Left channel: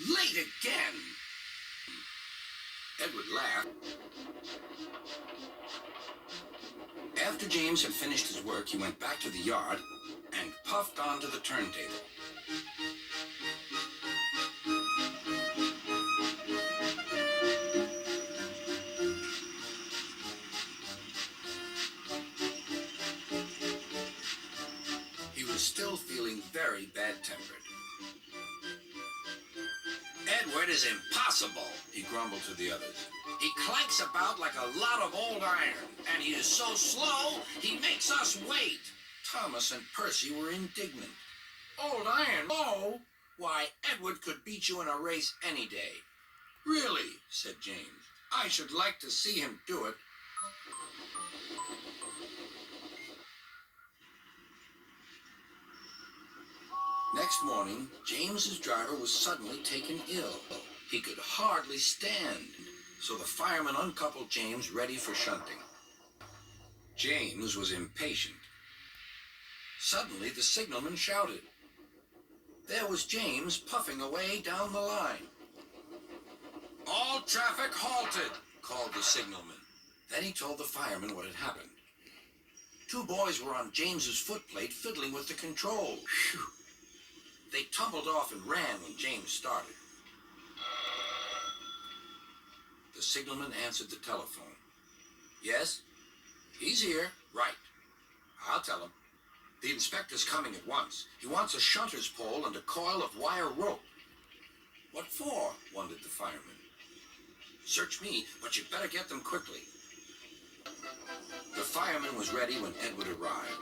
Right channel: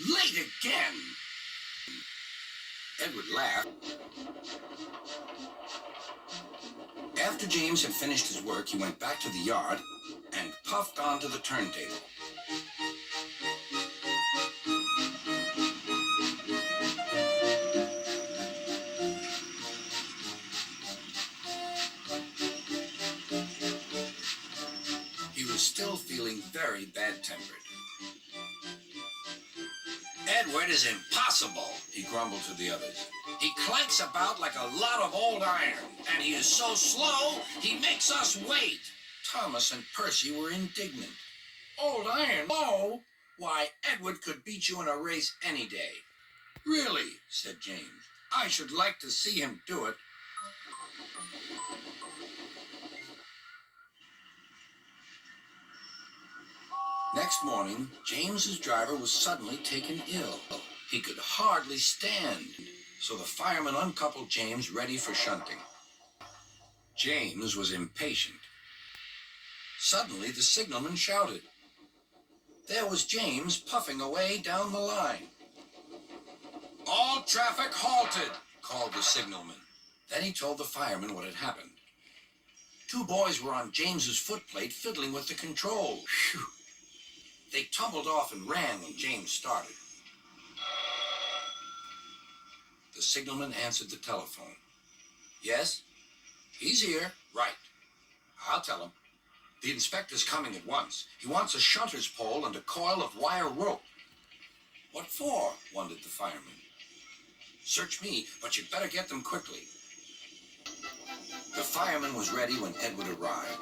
Late again! Edward laughed. After James had finished his work, he went back to the yard and puffed onto the turntable. He was still feeling very bad-tempered. Edward is impossible, he grumbled to the others. He clanks about like a lot of old iron, and he is so slow, he makes us wait. Thomas and Percy were indignant. Old iron? Oh, why, Edward could beat you in a race any day. Really, said James. I should like to see him do it. Next morning, James's driver was suddenly taken ill. He could hardly stand, so the fireman uncoupled James ready for shunting. James was impatient. Suddenly, the signalman shouted. There was James puffing away down the line. All traffic halted, called the signalman. Then he told the fireman what had happened. Two boys were on James's footplate fiddling with the control. Phew. They tumbled off and ran when James started. The signalman answered the telephone. Yes? He's here. Right. I'll tell him. The inspector's coming at once. He wants a shunter's pole and a coil of wire rope. What for? Wondered the fireman. Search me, but you'd better get them quickly. The fireman was ready when Edward arrived.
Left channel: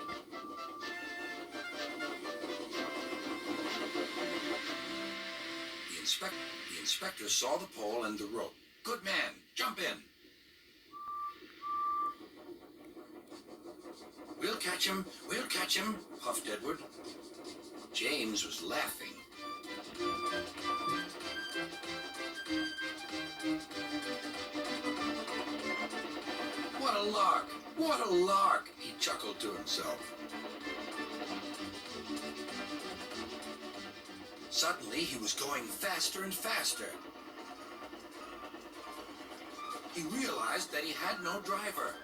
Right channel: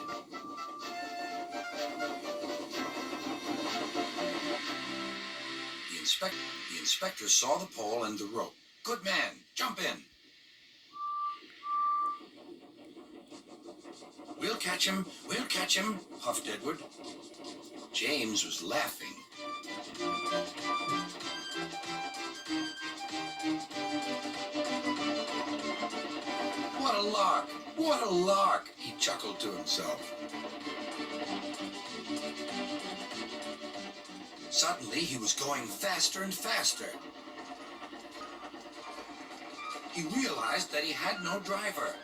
The inspector saw the pole and the rope. Good man, jump in. We'll catch him, puffed Edward. James was laughing. What a lark, he chuckled to himself. Suddenly, he was going faster and faster. He realized that he had no driver.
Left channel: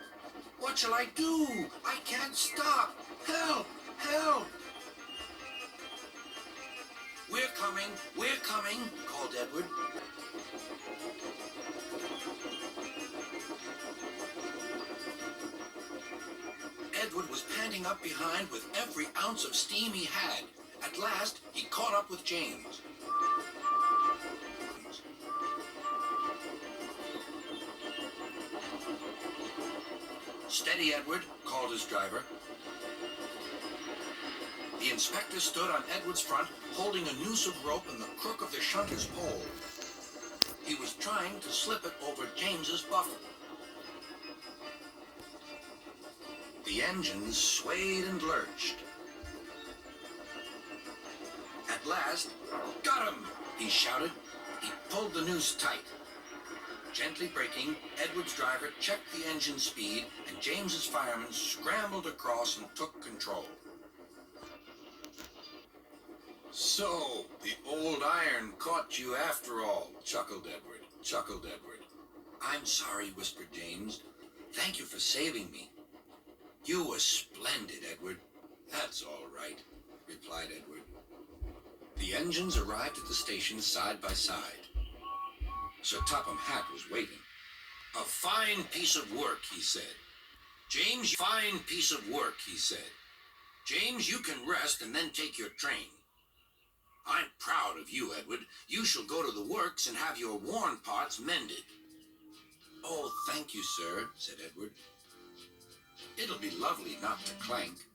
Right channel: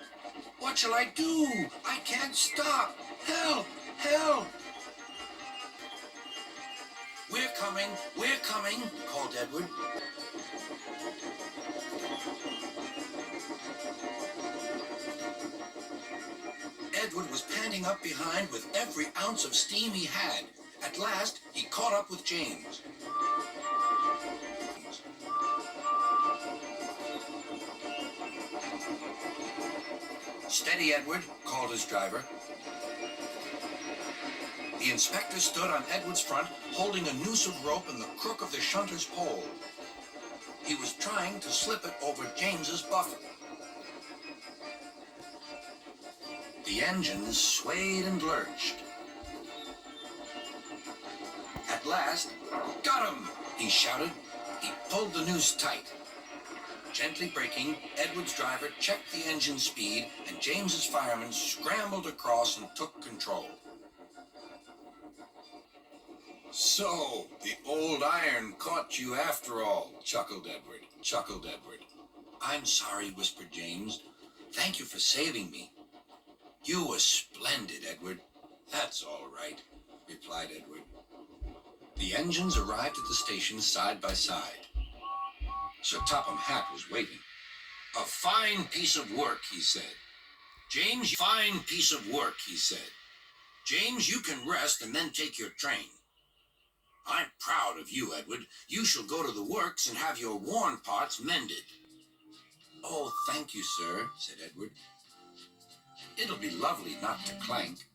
What shall I do? I can't stop. Help! Help! We're coming, called Edward. Edward was panting up behind with every ounce of steam he had. At last, he caught up with James. Steady, Edward, called his driver. The inspector stood on Edward's front, holding a noose of rope in the crook of the shunter's pole. He was trying to slip it over James's buffer. The engines swayed and lurched. At last, got him, he shouted. He pulled the noose tight. Gently braking, Edward's driver checked the engine speed, and James's fireman scrambled across and took control. So, the old iron caught you after all, chuckled Edward. I'm sorry, whispered James. Thank you for saving me. You were splendid, Edward. That's all right, replied Edward. The engines arrived at the station side by side. Sir Topham Hatt was waiting. A fine piece of work, he said. James, fine piece of work, he said. James, you can rest and then take your train. I'm proud of you, Edward. You shall go to the works and have your worn parts mended. Oh, thank you, sir, said Edward. It'll be lovely not to clank.